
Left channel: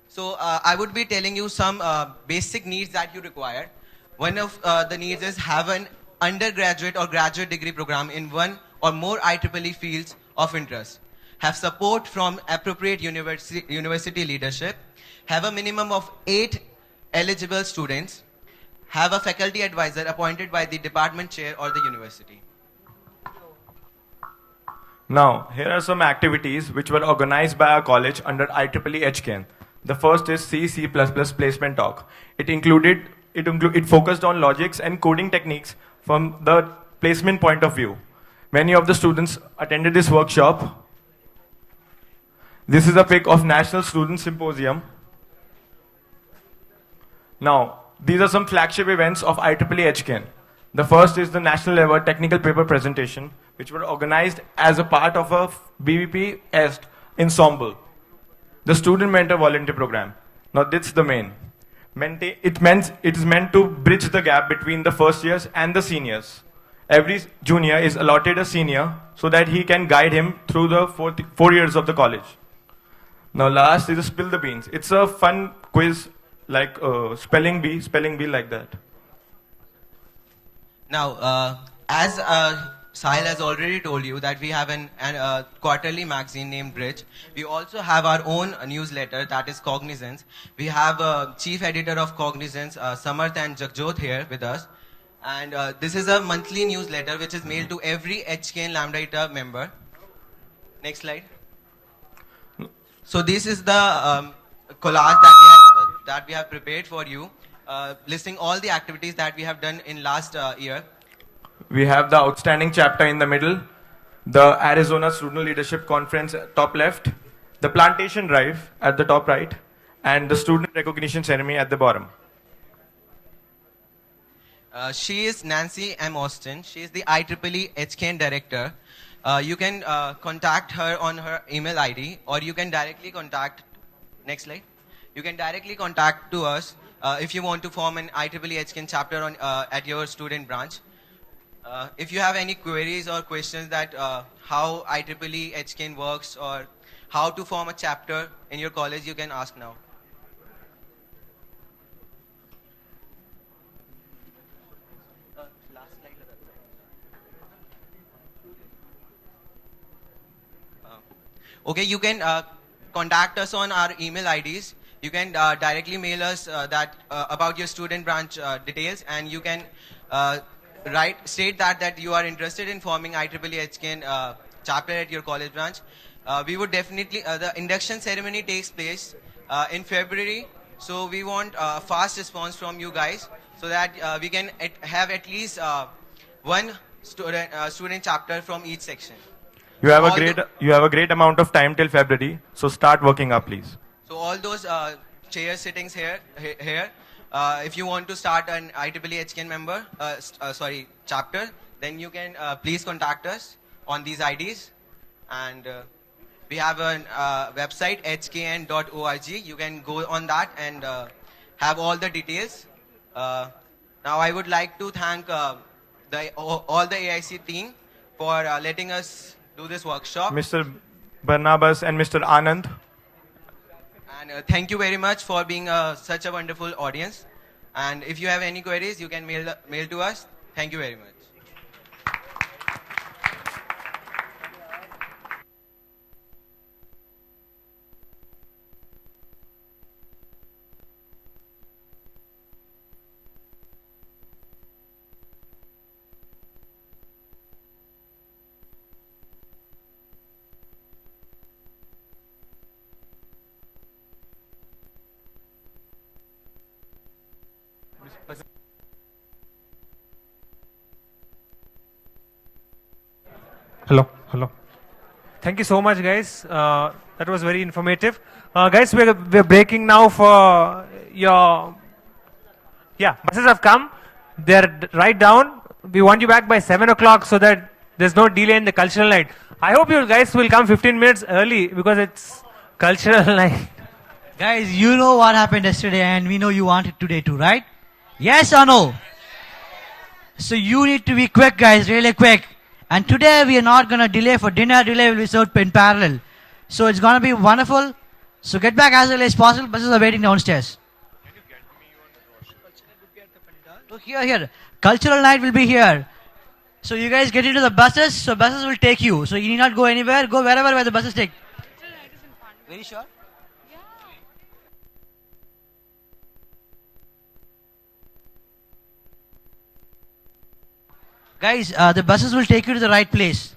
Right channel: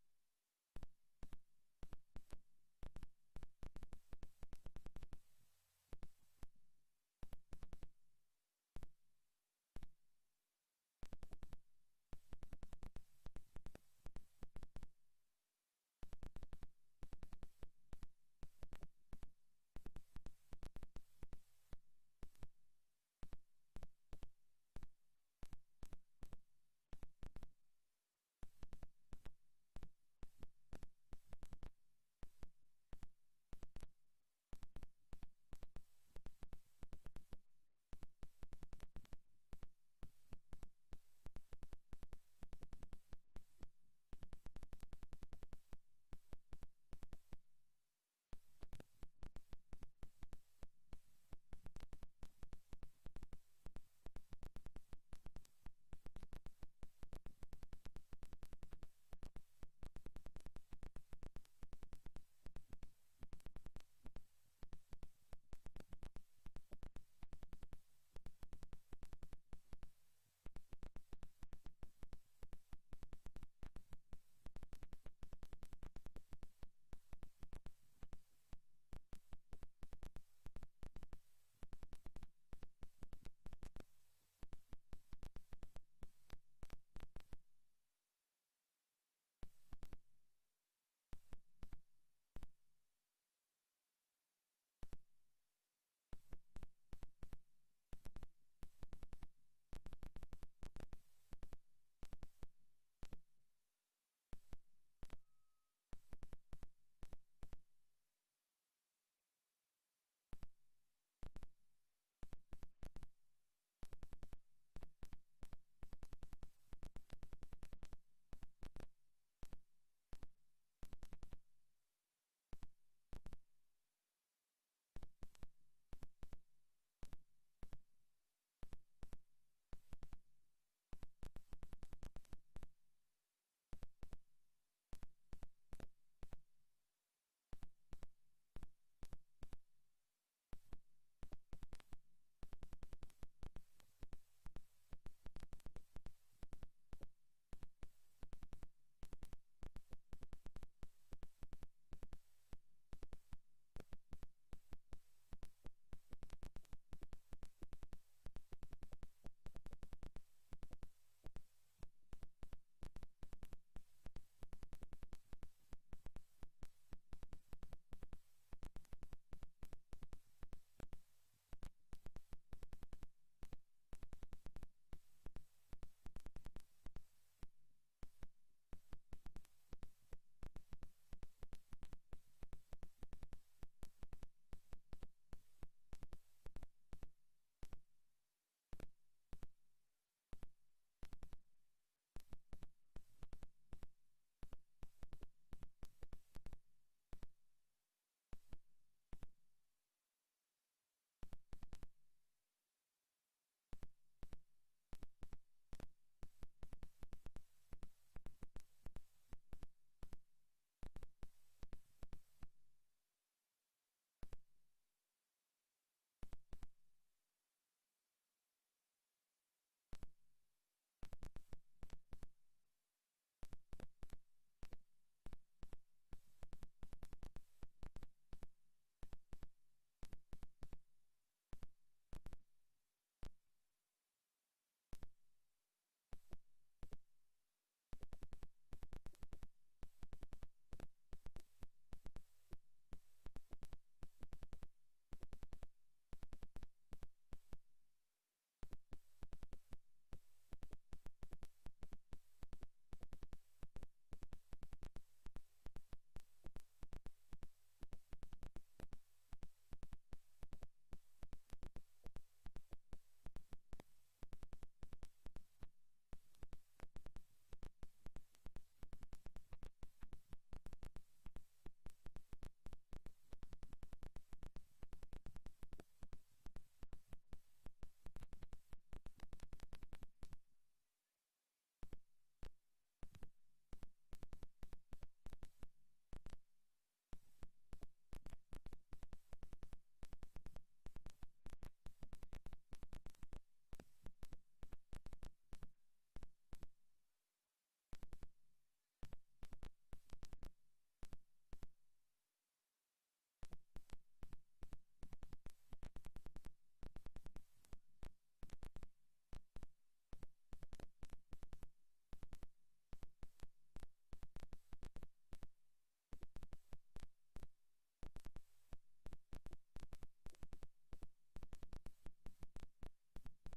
So I would be telling you some basic needs that you require. One of the needs is have an undergraduate or graduate degree program in one or more IEEE fields of interest. Have support from appropriate university leadership. Have a minimum of 8 eligible students. Have a faculty advisor appointed by the department chair or the university. Now, here are some activities which were organized by our college under IEEE HCAN. The first is C++ placement talk. It focused on logics and coding techniques from the placement point of view. Many of the students attended this workshop. This is a pic of National Student Symposium. Now, these are some flagship events of IEEE HCAN. The first is the national level technical paper presentation, which were organized as a part of a BVP EST ensemble. The student mentor volunteer program. Now, this is the main. It is meant to bridge the gap between the first years and the seniors. every junior is allotted a senior so that he can guide him through the 4 years of the college. Now last is spill the beans. It's a fun quiz like spelling bee like that. Now, as Sahil has already told you that we have an quarterly magazine named Bridge. We also have our own newsletter, that is Cognizance. We have chief editor of Cognizance, Samarth and Jagjot here with us. And this is a monthly newsletter which is mailed to every HKN Lambda Eta member. Next slide. So this is the collage that we have prepared for you, listing all the activities that we have done in last year. We have the outstanding chapter in the middle, the Arizona Student Leadership Conference top left, the plantation drive at the top right, and the student recognition ceremony at the bottom. She is Nancy M. Austin. She is the IEEE HKN director. You can contact her on her email ID, or you can directly contact, next slide. You can directly contact to us if you want to form an IEEE HKN chapter at your student branch. If you have any queries or questions that how IEEE HKN works or how to form a chapter in your college, you can ask now. Okay, you can contact us on our email IDs. You can directly mail us about your student branch details, and you can state that you are interested in forming IEEE HKN chapter at your college branch. We would definitely, the induction ceremony takes place in February, so we want a fast response from you guys so that we can have at least one student chapter from each section. You have a great amount of time till February, so start working up, please. So all those chair sittings here, if you want to start an IEEE HKN member, chapter, then you can please contact us on these IDs. And we have a website, hkn.org. You can go on that and have all the details. Now I would like to thank all the AIC team for letting us do this workshop. Mr. Barnabas and Mr. Anand. And thank you very much for being such a wonderful audience. And if you have any queries, you can mail to us. Thank you very much. Hello. Thank you so much, guys. That was very informative. Guys, we're breaking now for your... Yeah, buses have come. They're right down. We want you back by 7 o'clock so that there's no delay in the cultural night. I hope you guys will come 15 minutes early because it's cultural night. Guys, you know what happened yesterday and we know you want it today too, right? Yes or no? So you need to be quick, guys, really quick. And today we are not going to delay for dinner. Delay will be served in parallel. So it's going to be wonderful. So get back as early as possible. Buses are waiting downstairs. Look here. Cultural night will be here. So you guys get into the buses. So buses will take you. So you need not go anywhere. Go wherever where the buses take. Very sure? Guys, the buses will take you to the right place.